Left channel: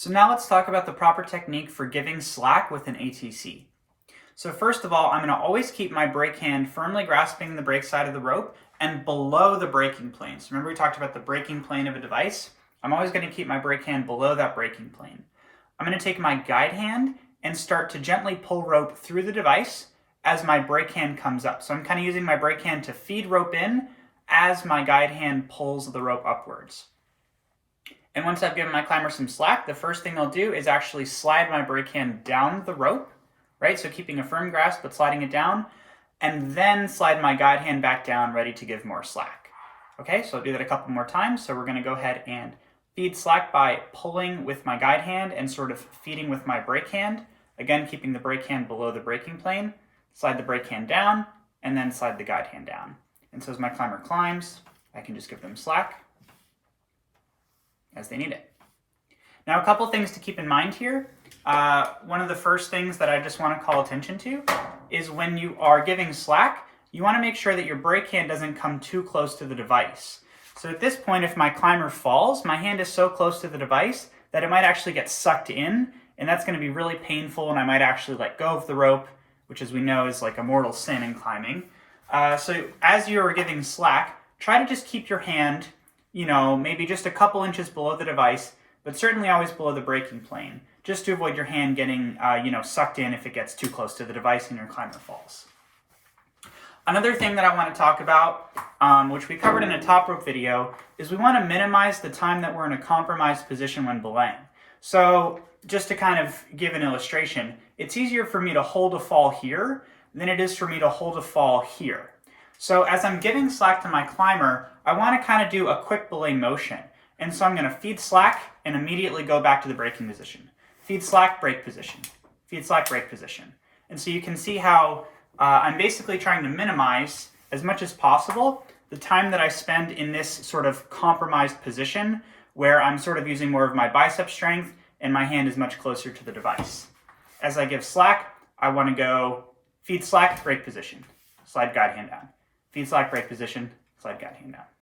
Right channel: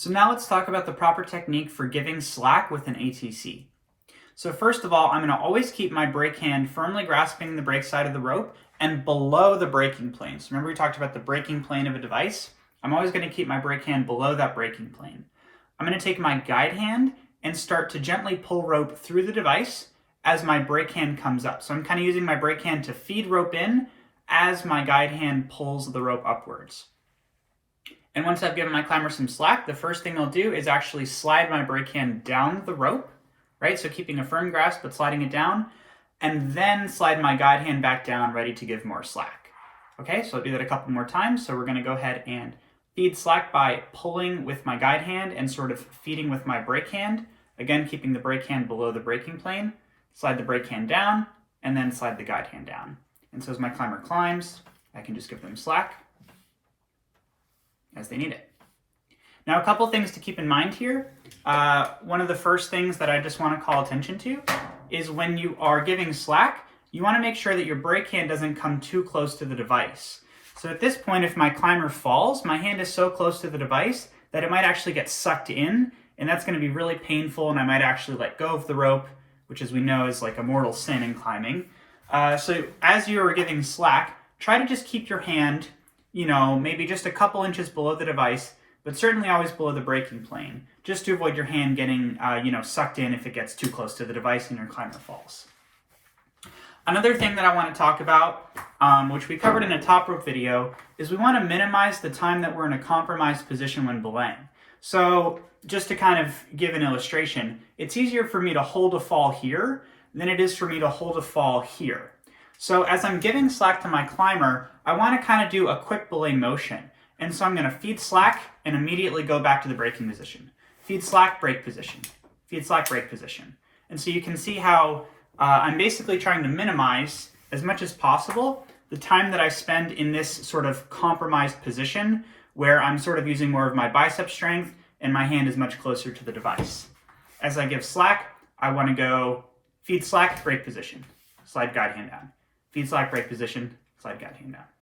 So now let's talk about the proper technique for giving slack with an ATC. So first of all, I'm going to always keep my brake hand firmly grasping the brake side of the rope and below the braking plane. So remember we talked about the braking plane of a device? I'm always going to keep my brake hand below that braking plane. I'm going to take my guide hand and start to gently pull rope through the device as my brake hand comes up. So I'm kind of using my brake hand to feed rope in as my guide hand pulls the rope upwards. And once I've given my climber some slack, the first thing I'll do is actually slide my brake hand down the rope, right? So keeping a firm grasp, but sliding it down, and then slide my guide hand back down, ready to give more slack. Okay, so I'll do that a couple more times. So we're gonna go ahead and feed slack by pulling with my guide hand and sort of feeding with my brake hand. Again, keeping the brake hand below the braking plane, slide the brake hand down, and then slide the guide hand down. And so as my climber climbs, I can just give them slack as they need it. Now, a couple things to keep in mind here. One of the first things that I just want to call attention to is when you are giving slack, you want to make sure that your brake hand doesn't come too close to the device. So at this point, if my climber falls, my hand is so close to the device that it might actually get sucked in, and that's going to be really painful, and I might actually let go of the rope, which as we know is like a mortal sin in climbing. So as you're giving slack, try to just keep your hand maybe just a couple inches below the device, but certainly always below the braking plane, just to avoid your hand getting, sucked in if it gets too close to the device and your climber falls. Another thing that I want to talk about, which we covered in a top rope video, is we want to minimize the time that we're in a compromised position when belaying. So just to kind of give an illustration, it's easier for me to hold a fall here than it is for me to hold a fall here. So as I'm giving slack to my climber, I want to kind of do a quick belay motion. And so I'm going to feed slack and immediately go back to the braking position. Feed slack, brake position. Feed slack, brake position. And so you can see how I'm basically trying to minimize as much as possible the time that I spend in this sort of compromised position where I'm sort of using more of my bicep strength and my hand is much closer to the device. As I give slack, I want to go feed slack, brake position. Slide guide hand down. Feed slack, brake position, slide guide hand down.